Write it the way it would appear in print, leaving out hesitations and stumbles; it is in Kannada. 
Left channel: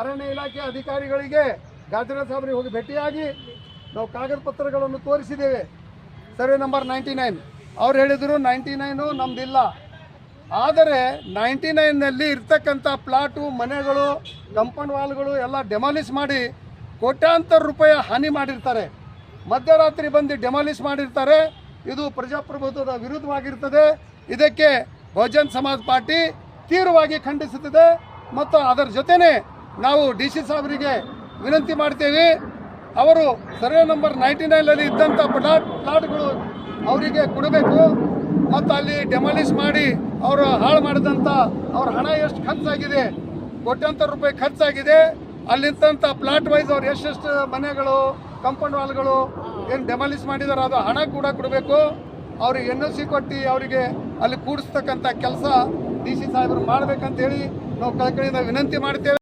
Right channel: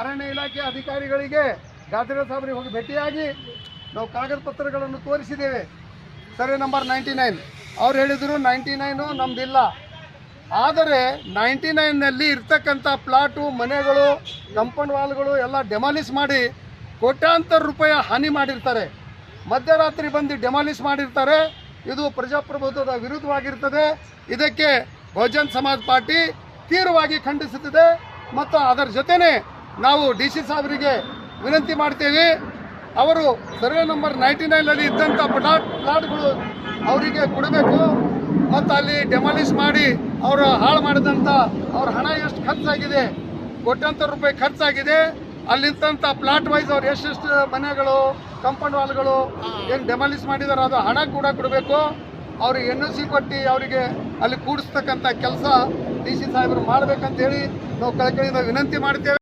ಅರಣ್ಯ ಇಲಾಖೆ ಅಧಿಕಾರಿಗಳಿಗೆ ಗಾದಿರ ಸಾಹೇಬರಿಗೆ ಹೋಗಿ ಭೇಟಿಯಾಗಿ ನಾವು ಕಾಗದ ಪತ್ರಗಳನ್ನು ತೋರಿಸಿದ್ದೇವೆ. ಸರ್ವೆ ನಂಬರ್ 99 ಅವ್ರು ಹೇಳಿದರು 99 ನಮ್ಮದಿಲ್ಲ. ಆದರೆ 99ನಲ್ಲಿ ಇರ್ತಕ್ಕಂಥ ಪ್ಲಾಟು, ಮನೆಗಳು, ಕಂಪೌಂಡ್ ವಾಲ್ಗಳು ಎಲ್ಲ ಡೆಮಾಲಿಷ್ ಮಾಡಿ ಕೋಟ್ಯಾಂತರ ರೂಪಾಯಿ ಹಾನಿ ಮಾಡಿರ್ತಾರೆ. ಮಧ್ಯರಾತ್ರಿ ಬಂದು ಡೆಮಾಲಿಷ್ ಮಾಡಿರ್ತಾರೆ. ಇದು ಪ್ರಜಾಪ್ರಭುತ್ವದ ವಿರುದ್ಧವಾಗಿರ್ತದೆ. ಇದಕ್ಕೆ ಬಹುಜನ್ ಸಮಾಜ್ ಪಾರ್ಟಿ ತೀವ್ರವಾಗಿ ಖಂಡಿಸುತ್ತಿದೆ. ಮತ್ತು ಅದರ ಜೊತೆನೇ ನಾವು DC ಸಾಹೇಬರಿಗೆ ವಿನಂತಿ ಮಾಡ್ತೇವೆ, ಅವರು ಸರ್ವೆ ನಂಬರ್ 99ನಲ್ಲಿ ಇದ್ದಂಥ ಪ್ಲಾಟ್ಗಳು ಅವರಿಗೆ ಕೊಡಬೇಕು. ಮತ್ತು ಅಲ್ಲಿ ಡೆಮಾಲಿಷ್ ಮಾಡಿ ಅವರು ಹಾಳು ಮಾಡಿದಂಥ ಅವ್ರ ಹಣ ಎಷ್ಟು ಖರ್ಚಾಗಿದೆ, ಕೋಟ್ಯಾಂತರ ರೂಪಾಯಿ ಖರ್ಚಾಗಿದೆ. ಅಲ್ಲಿದ್ದಂಥ ಪ್ಲಾಟ್ ವೈಸ್ ಅವ್ರು ಎಷ್ಟೆಷ್ಟು ಮನೆಗಳು, ಕಂಪೌಂಡ್ ವಾಲ್ಗಳು ಏನು ಡೆಮಾಲಿಷ್ ಮಾಡಿದಾರೆ ಅದು ಹಣ ಕೂಡ ಕೊಡಬೇಕು. ಅವ್ರಿಗೆ NOC ಕೊಟ್ಟು ಅವರಿಗೆ ಅಲ್ಲಿ ಕೂಡಿಸ್ತಕ್ಕಂಥ ಕೆಲಸ DC ಸಾಹೇಬರು ಮಾಡಬೇಕಂತೇಳಿ ನಾವು ಕಳಕಳಿಯಿಂದ ವಿನಂತಿ ಮಾಡ್ತೇವೆ.